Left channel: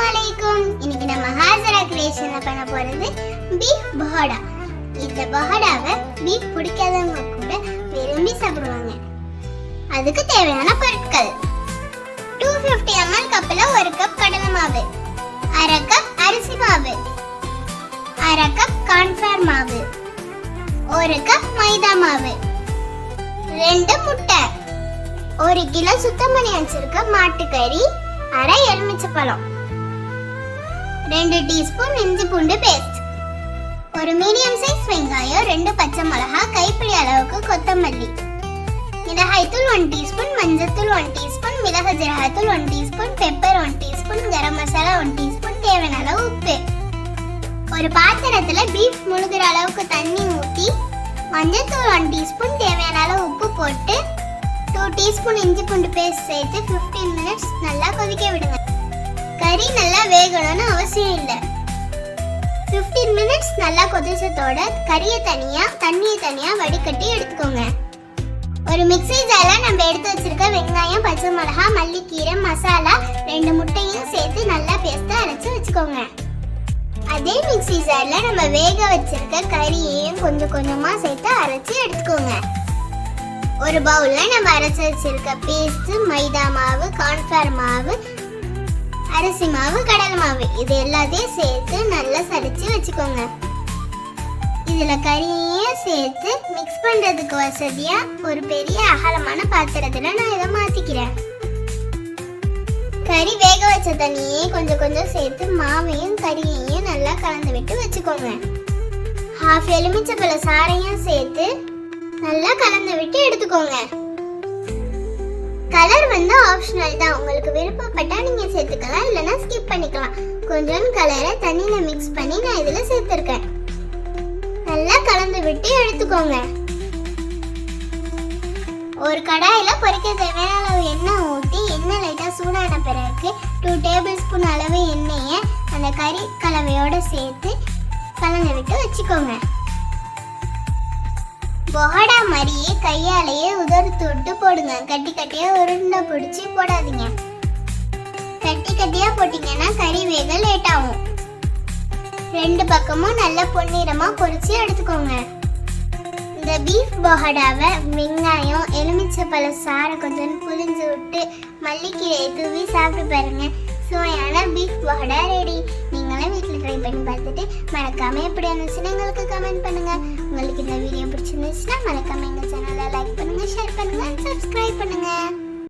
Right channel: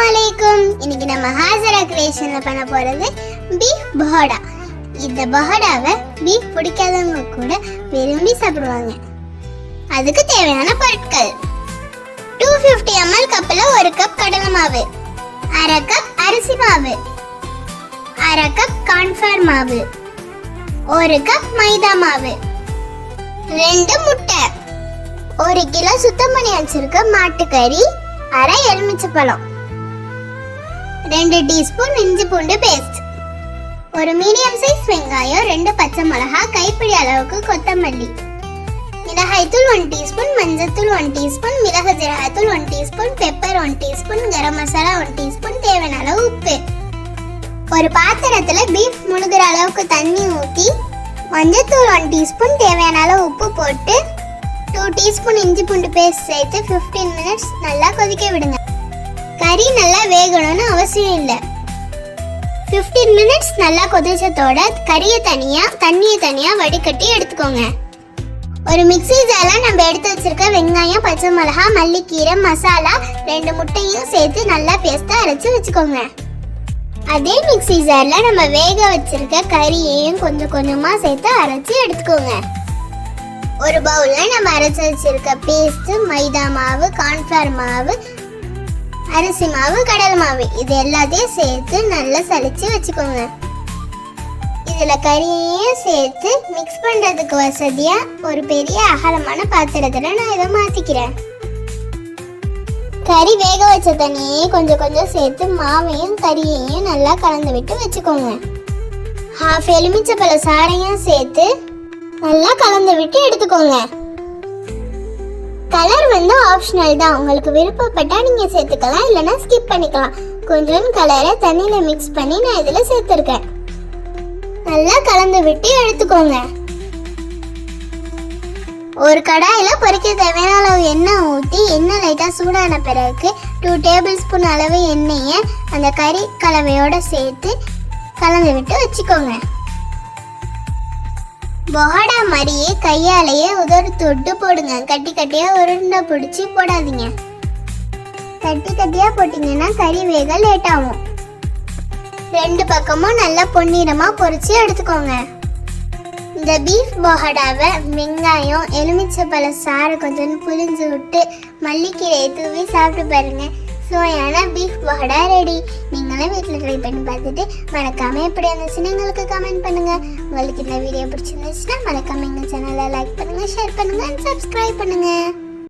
அஸ்ஸலாமுஅலைக்கும். இன்னைக்கு நம்ம ஹாஜரா கிரியேஷன்ல பண்ண போறது பீஃப் பஹோடா. இந்த பஹோடாவை பீஃப் பிடிக்காதவங்க கூட விரும்பி சாப்பிடுவாங்க. அதுக்கு தேவையான பொருட்கள்: 250 ml கப்ல 1 கப் கடலை மாவு, 1/2 கப் அரிசி மாவு, 1/2 கப் கார்ன்ஃப்ளவர் மாவு, 1 கப் மைதா மாவு, 2 முட்டை, 1 கிலோ சுத்தம் பண்ணி வச்சிருக்க மாட்டுக்கறி, 1/2 எலுமிச்சைப்பழம், 2 டீஸ்பூன் இஞ்சி பூண்டு பேஸ்ட், ஒரு மீடியம் சைஸ் வெங்காயம், 2 பச்சை மிளகாய், கைப்பிடி அளவுக்கு கொத்தமல்லி, மிளகாய்த்தூள் 1 டீஸ்பூன், மஞ்சள்தூள் 1 டீஸ்பூன், மிளகு ஜீரகத்தூள் 1 teaspoon, pepper 1 teaspoon, garam masala 1 teaspoon, தேவையான அளவு உப்பு. ஒரு பாத்திரத்துல பீஃப் முழுகிற அளவுக்கு தண்ணி ஊற்றி மஞ்சள்தூள் 1 டீஸ்பூன், தேவையான அளவு உப்பு போட்டு 2 டீஸ்பூன் இஞ்சி பூண்டு பேஸ்ட் சேர்த்து 15 மினிட்ஸ் நல்லா கொதிக்க விடுங்க. கறி நல்லா வேகணும்னு அவசியம் இல்லை. 15 மினிட்ஸ் நல்லா கொதிச்சதோட கறியை தண்ணியை தனியா வடிகட்டி எடுத்துக்கோங்க. ஒரு மிக்ஸி ஜார்ல நம்ம எடுத்து வச்சிருக்க வெங்காயம், பச்சை மிளகாய், மல்லிக்கீரை, மசாலா, 2 முட்டையும் சேர்த்து நல்லா பேஸ்டா அரைச்சு வச்சுக்கோங்க. அதே மிக்ஸி ஜார்ல நம்ம வேக வச்சிருக்க கறியையும் கொஞ்சம் கொஞ்சமா சேர்த்து அரைச்சு எடுத்துக்கோங்க. ஒரு பவுல்ல நம்ம அரைச்சு வச்சிருக்க பேஸ்ட், மைதா மாவு, கார்ன்ஃப்ளவர் மாவு, அரிசி மாவு, கடலை மாவு இது எல்லாத்தையும் சேர்த்து நல்லா சலிச்சு வச்சுக்கோங்க. இதுல கறியையும் சேர்த்து மிக்ஸ் பண்றதுக்கு வசதியா ஒரு பெரிய அகலமான பாத்திரத்துல நான் இதை மாத்திக்கிறேன். கறி வேக வச்ச தண்ணியே கொஞ்சம் கொஞ்சம் சேர்த்து மாவையும் கறியையும் நல்லா கலந்து விட்டு வச்சுக்கோங்க. 1/2 எலுமிச்சைப்பழ சாறையும் சேர்த்து நல்லா கலந்து விட்டு எடுத்துக்கோங்க. கலர் ஆப்ஷனல் தான், உங்களுக்கு விருப்பப்பட்டா நீங்க சேர்த்துக்கலாம், இல்லைன்னா ஸ்கிப் பண்ணிக்கலாம். கொஞ்சம் கலரை தண்ணியில மிக்ஸ் பண்ணி நான் இதுல சேர்த்திருக்கேன். நல்லா கலந்து விட்டு எடுத்துக்கோங்க. ஒரு கடாயில பொரிக்க தேவையான அளவு எண்ணெய் ஊற்றி எண்ணெய் லைட்டா சூடான பிறகு 2 டேபிள் ஸ்பூன் அளவு எண்ணெயை அந்த கறி கலவையோட சேர்த்து கலந்து விட்டு வச்சுக்கோங்க. பஹோடா மாதிரியே கையாலேயே உதறு தொட்டு போடுங்க. கட்டி கட்டியா உருண்டை பிடிச்சி போடாதீங்க. கட்டி கட்டியா போட்டீங்கன்னா கறி வேக லேட் ஆகும். 2 பக்கமும் நல்லா பொன்னிறமா பொரிச்சு எடுத்துக்கோங்க. இந்த பீஃப் பஹோடாவை வெங்காயம், எலுமிச்சைப்பழ சாறை கொஞ்சம் புளிஞ்சு விட்டு மல்லிக்கீரையை தூவி சாப்பிட்டு பாருங்க. சுவையான பீஃப் பஹோடா ரெடி. நீங்களும் வீட்டில் ட்ரை பண்ணி பார்த்துட்டு மறக்காம எப்படி இருந்துச்சுன்னு எங்களுக்கு கமெண்ட் பண்ணுங்க. உங்களுக்கு இந்த வீடியோ பிடிச்சிருந்துச்சுன்னா மறக்காம எங்கள் சேனலை லைக் பண்ணுங்க, ஷேர் பண்ணுங்க, சப்ஸ்கிரைப் பண்ணுங்க.